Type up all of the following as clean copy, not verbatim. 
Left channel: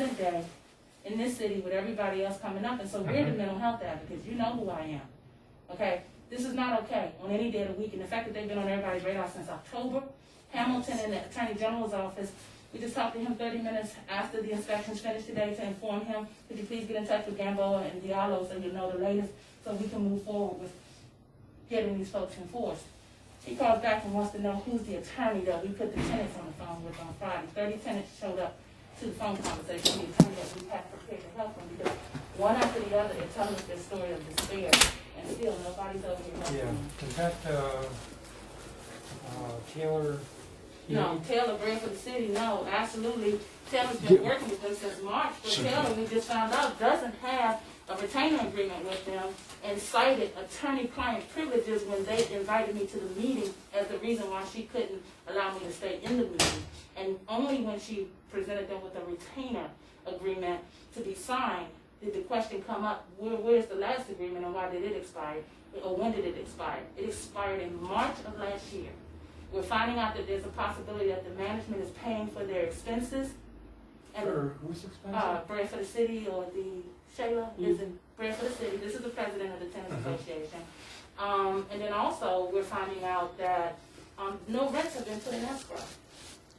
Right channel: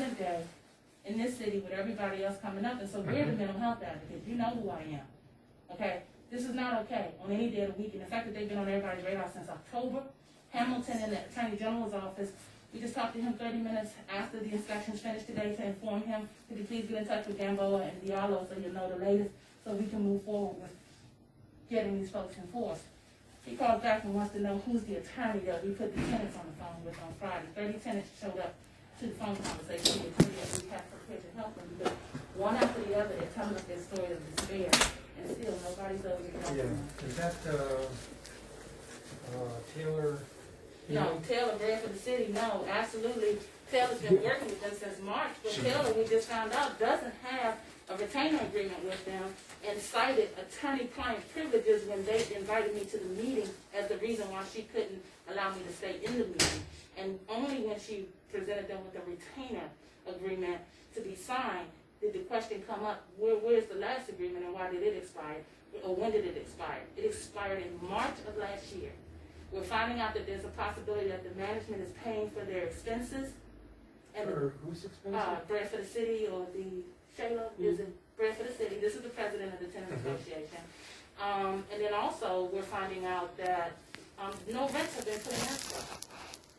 present day in this city with everybody else coming up, and so we're the mental health advocates. You know who I am. Okay? This is not okay on any day of the week, and the fact that they've been on everybody's radar since October. Hamilton in the Attorney General's office, we just talked to him 30 minutes after the inspections finished today to inform him, could you please get in touch with Gamboa and Diallo so you'll know the latest, so we can move forward with getting these folks enforced. He called back and wants to know who's the attorney that we put the tenants on the phone with on Friday. 30 tenants showed up to the phone conversation, the attorney that we had prepared to help them, because one after the other, they're telling us their story of despair, and still nobody's over here helping them. Is that Taylor? No, Taylor, Bread for the City, no, absolutely. Taylor's been working with them since March, but Taylor, we just found out, doesn't have a retainer agreement with them and cited attorney-client privileges when they invited me to the meeting as the reason why she couldn't allow me to stay in the meeting. And only when she presented them with a retainer agreement to be signed did the question come up, where's the last agreement and why did it expire? Or when did it expire? It expired in March of last year. We're finding out that there's a possibility that the management is paying for their expenses. And whose expenses? Bread for the City, or the Shayla is in Bread for the City. This is the president of the tenant association. And then also we're finding out that no rents have been put in escrow.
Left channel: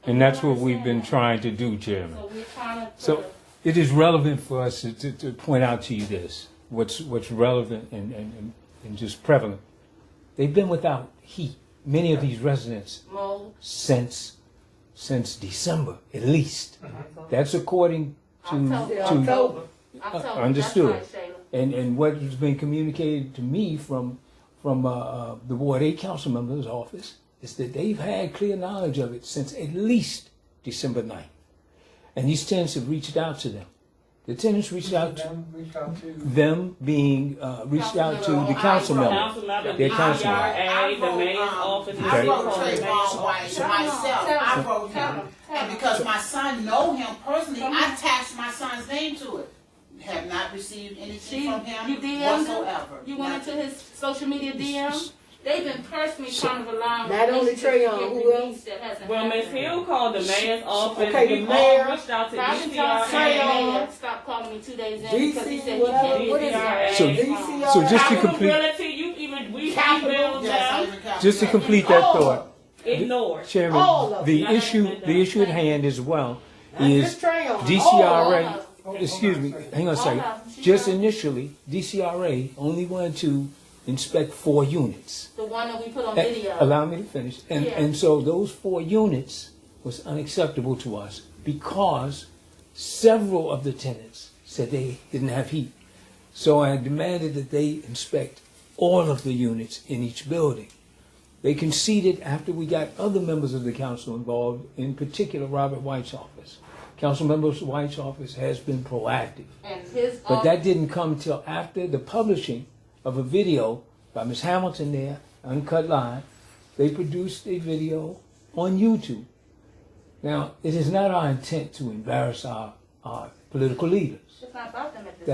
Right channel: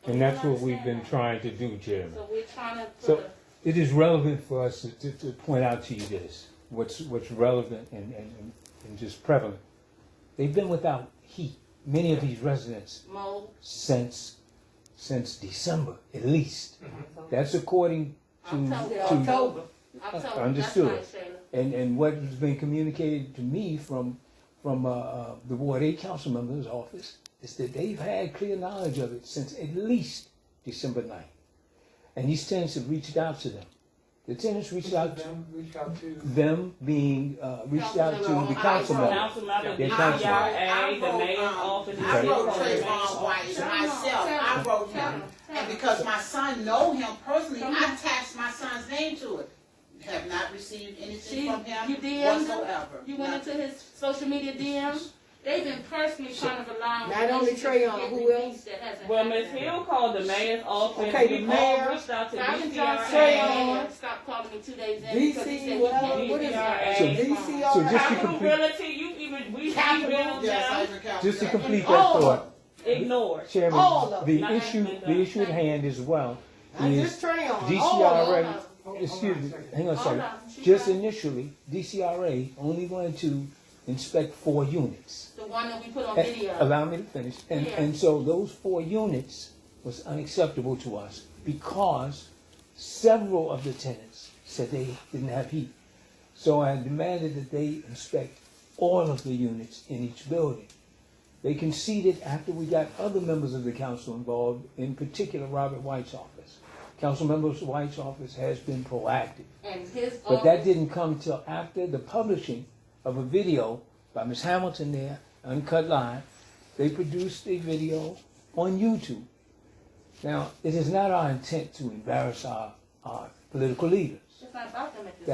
And that's what we've been trying to do, Chairman. So we're trying to. So it is relevant for us to point out to you this, what's relevant and just prevalent. They've been without heat, many of these residents, since December, at least. That's according to October. Understood. That's right, and what has been communicated to me from the Ward 8 council member's office is that they've had clear knowledge of it since at least December 9th. And these tenants have reached out to them. The tenants reached out to them, being reached out to the council members. Their council members. The mayor's office. I wrote Trayvon White myself. I wrote him. And because my son know him personally, I attached my son's name to it. Have not received anything from him whatsoever. You went into his social media DMs? They've been personally trying to allow. Not only Trayon, who else? Well, Ms. Hill called the mayor's office. Okay, we the mayor. all reached out to DCRA. Stopped calling me 2 days in because he said he can't. So just to complete, we emailed them. just to complete that thought, Ignored. Chairman, the issue at hand as well is DCRA. Excuse me, hang on a second. Just initially, DCRA only wanted to inspect 4 units. The one that we put on video. Allow me to finish. And so those 4 units was unacceptable to us because several of the tenants said they didn't have heat. So I demanded that they inspect all of the units in each building. They conceded after we got other members of the council involved, in particular Robert White's office. Councilmember White's office has been proactive. And his but that didn't come till after the publishing of a video by Ms. Hamilton there, Uncut Live. They produced a video on YouTube. Now, it is not our intent to embarrass our political leaders. It's not about them at this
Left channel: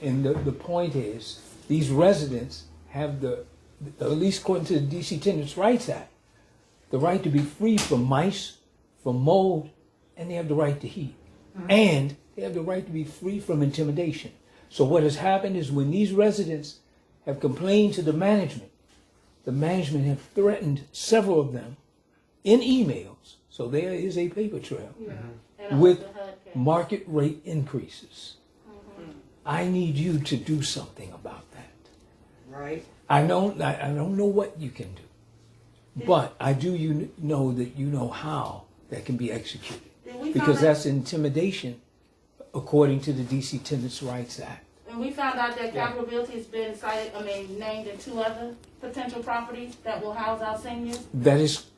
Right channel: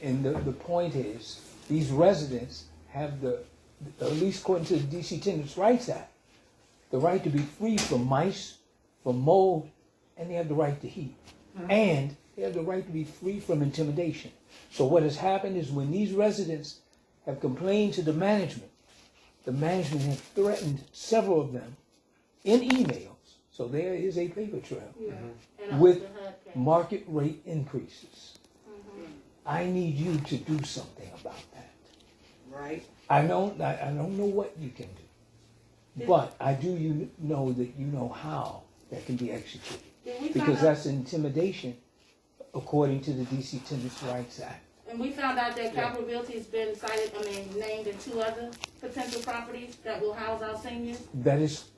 point. The point is, these residents have at least according to the DC Tenants' Rights Act, the right to be free from mice, from mold, and they have the right to heat. And they have the right to be free from intimidation. So what has happened is when these residents have complained to the management have threatened several of them in emails. So there is a paper trail with market rate increases. I need you to do something about that. Right. I don't know what you can do, but I do know that you know how that can be executed. Because that's intimidation according to the DC Tenants' Rights Act. And we found out that Capital Realty has been named in 2 other potential properties that will house our seniors. That is,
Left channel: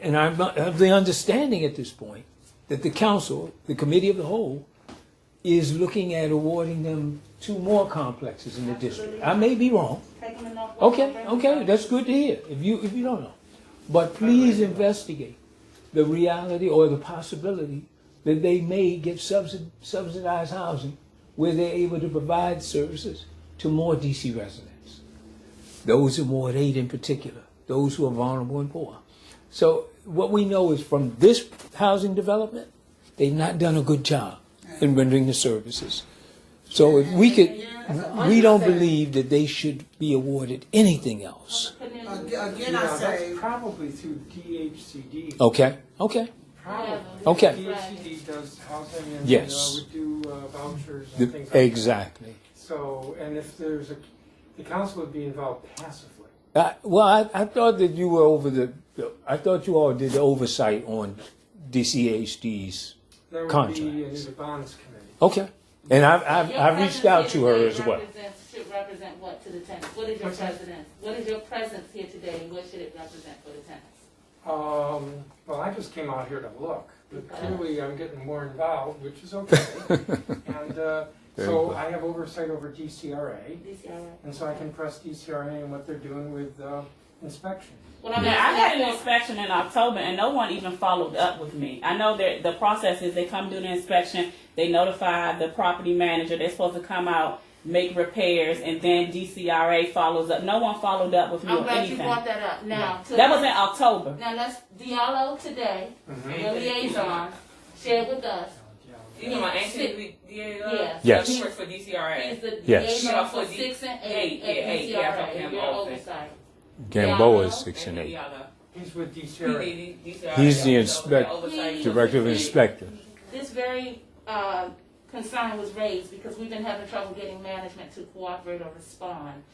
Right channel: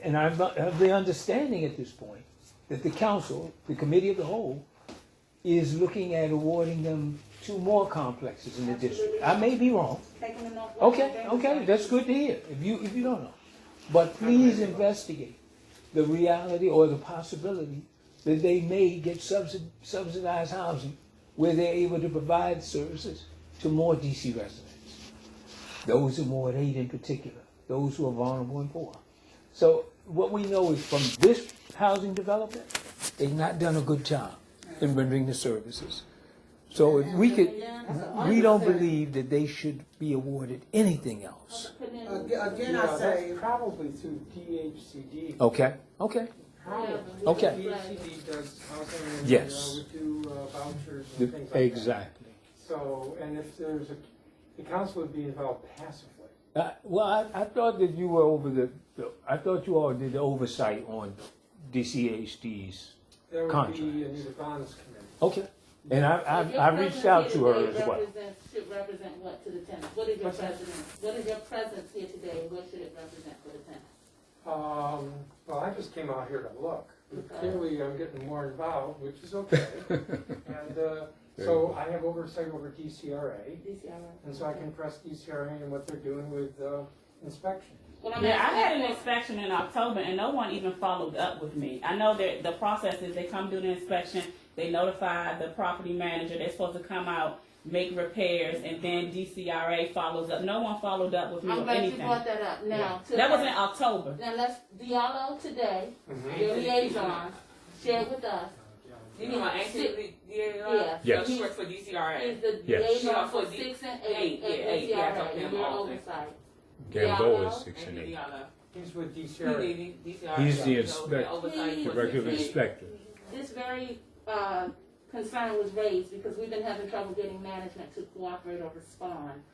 and I have the understanding at this point that the council, the committee of the whole, is looking at awarding them 2 more complexes in the district. I may be wrong. Okay, that's good to hear. If you don't know, but please investigate the reality or the possibility that they may get subsidized housing where they're able to provide services to more DC residents. Those in Ward 8 in particular, those who are vulnerable and poor. So what we know is from this housing development, they've not done a good job. in rendering the services. So if we could, we don't believe that they should be awarded anything else. Again, I Yeah, say, that's probably through DHCD. Okay. Probably. Okay. DHCD does housing and Yes. would do vouchers and things like that. Exactly. So, and if there's the council would be involved passively. I thought that you were I thought you all did the oversight on DCHD's There would contracts. be a new bonds committee. Okay. And I've reached out to her as well. Should represent what to the tenants? What is your president? What is your presence here today? What should it represent for the tenants? Well, I just came out here to look, but clearly I'm getting more involved, which is okay. And so I have oversight over DCRA, and so I can press DCRA and what they're doing with inspection. Well, I'm Yeah, I had an asking inspection in October and no one even followed up with me. I know that the process is they come do the inspection, they notify the property manager, they're supposed to come out, make repairs, and then DCRA follows up. No one followed up with me I'm or glad you anything. brought that up. Now, That was in October. now let's Diallo today, your liaison, shared with us. You know, Anthony Diallo? Yes. Yes. He works for DCRA. He's the Yes. liaison Yeah, for for 6 and 8 eight, at yeah, I DCRA, talked to and him your often. oversight. Gamboa is 6 and 8. Diallo. He's with He DCRA. did DCRA. He's the So, He- Director of Inspector. This very concern was raised because we've been having trouble getting management to cooperate or respond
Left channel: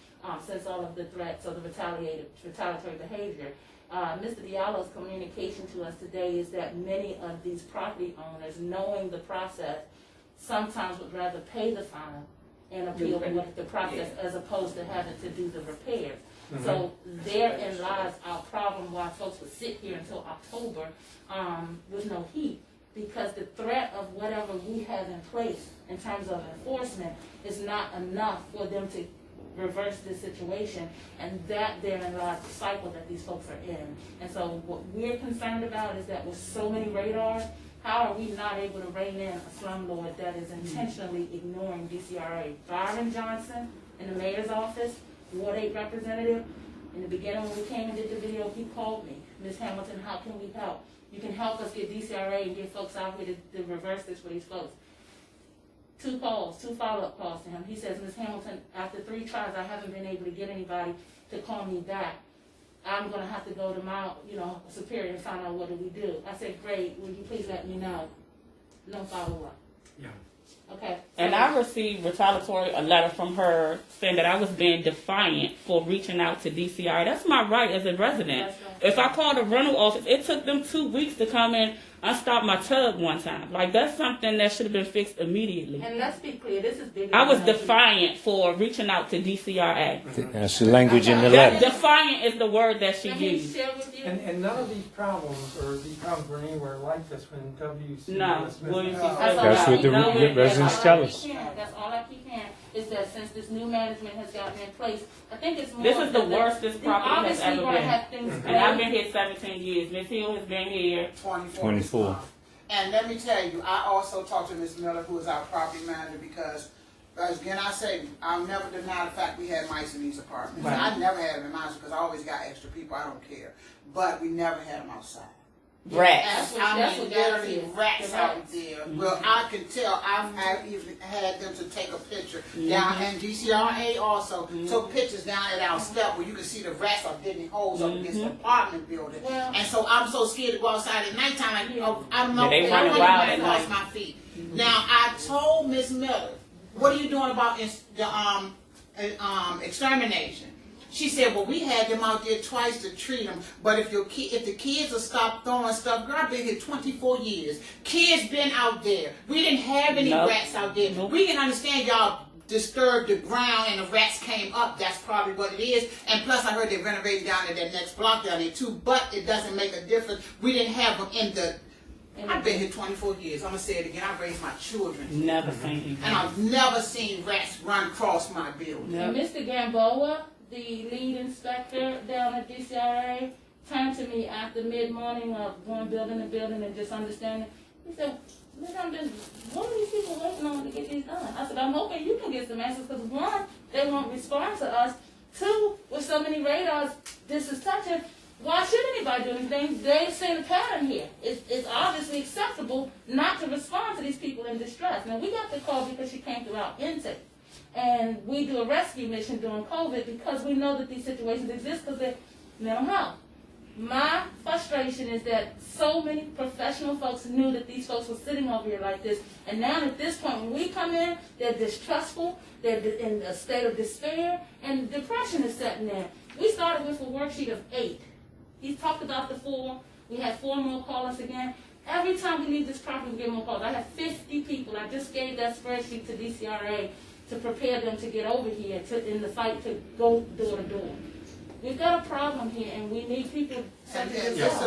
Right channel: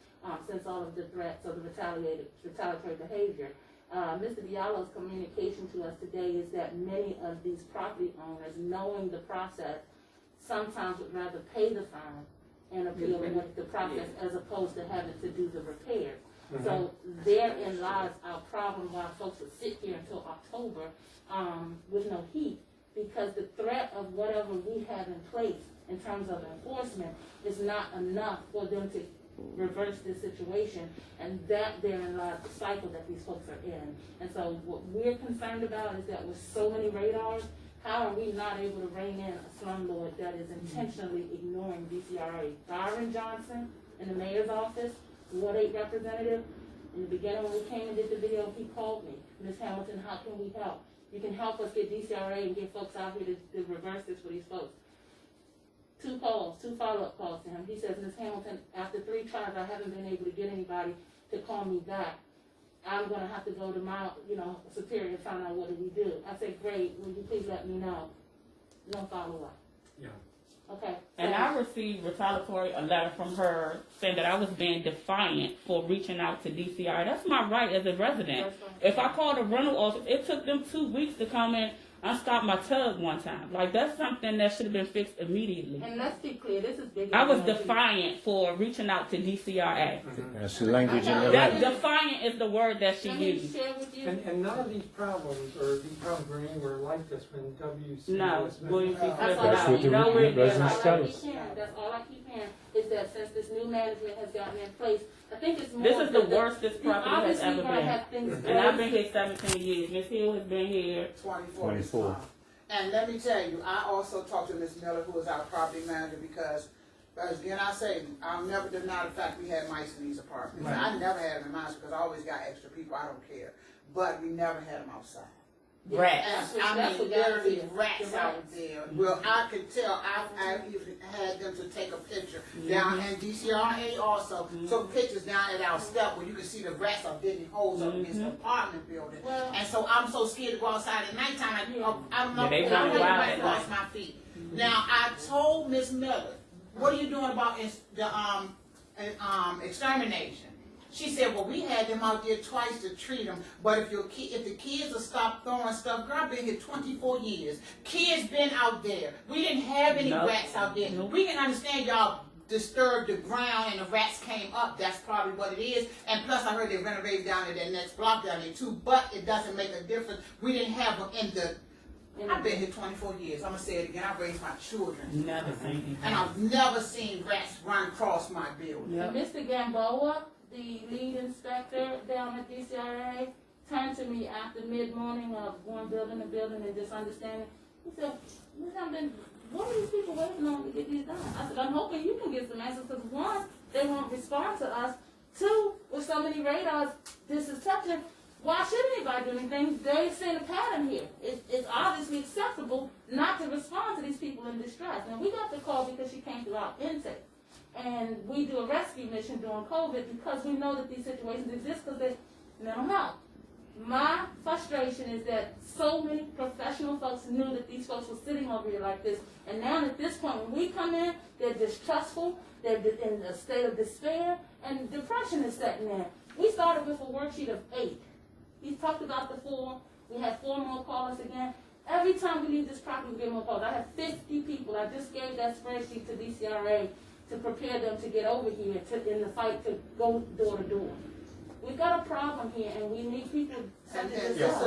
since all of the threats or the retaliatory behavior. Mr. Diallo's communication to us today is that many of these property owners, knowing the process, sometimes would rather pay the fine and appeal with the process as opposed to having to do the repairs. So therein lies our problem why folks would sit here until October with no heat, because the threat of whatever we have in place in terms of enforcement is not enough for them to reverse this situation, and that therein lies the cycle that these folks are in. And so what we're concerned about is that with so many radars, how are we not able to rein in a slumlord that is intentionally ignoring DCRA? Byron Johnson in the mayor's office, Ward 8 representative, in the beginning when we came and did the video, he called me, Ms. Hamilton, how can we help? You can help us get DCRA and get folks out here to reverse this for these folks. 2 follow-up calls to him. He says, Ms. Hamilton, after 3 tries, I haven't been able to get anybody to call me back. I'm going to have to go to my, superior and find out what do we do. I said, great, will you please let me know? No follow-up. Yeah. Okay. And I received a letter from her saying that I was being defiant for reaching out to DCR. That's my right as a resident. That's right. If I called a rental office, it took them 2 weeks to come in unstop my tub one time. Like, that's something that should have been fixed immediately. And let's be clear, this is bigger. I was than us. defiant for reaching out to DCRA. That's the language in the That letter. defiant is the word that she Can we used. share with you? And none of these problems were anywhere like this when WC No, was William C. Smith. Smith. That's what the No, we- residents tell us. That's all I keep hearing, is that since this new management has gotten in place, I think it's more. This is the worst this property has obviously ever gonna been. have things And I've been raised. here 17 years. Miss Hill has been here. 24. And let me tell you, I also talked to Ms. Miller, who is our property manager, because, again, I say, I'll never deny the fact we had mice in these apartments. Right. I never had them in mine because I always got extra people, I don't care. But we never had them outside. Rats. That's I mean, what literally that is. rats The out rats. there. Well, I could tell, I've even had them to take a picture down, and DCRA also took pictures down at our step where you can see the rats are digging holes up against the apartment building. Well- And so I'm so scared to go outside at nighttime, I'm Yeah, they I'm running running wild right at across night. my feet. Now, I told Miss Miller, what are you doing about the extermination? She said, well, we had them out there twice to treat them, but if the kids will stop throwing stuff, girl, I've been here 24 years. Kids been out there. We didn't have any Nope. rats out there. We can understand y'all disturbed the ground and the rats came up. That's probably what it is. And plus, I heard they renovated down at that next block down there too, but it doesn't make a difference. We didn't have them in the... I've been here 24 years. I'm going to say it again. I raised my children. Never seen And I've never seen rats run across my building. And Mr. Gamboa, the lead inspector down at DCRA, turned to me after mid-morning of going building to building and just understanding. He said, Ms. Hamilton, what are these people waiting on to get these done? I said, I'm hoping you can get some answers, because 1, they won't respond to us. 2, with so many radars, this is touching. Why should anybody do anything? They say the pattern here. It's obviously acceptable not to respond to these people in distress. Now, we got the call because she came through our intake. And we do a rescue mission during COVID because we know that these situations exist because they're mental health. My frustration is that so many professional folks knew that these folks were sitting over here like this. And now at this point, when we come in, they're distrustful, they're in a state of despair, and depression is setting in. We started with a worksheet of 8. He talked about the 4. We had 4 more callers again. Every time we leave this property, we get more calls. I have 50 people. I just gave that spreadsheet to DCRA to prepare them to get over here in the fight to go door to door. We've got a problem here, and we need people such as yourself.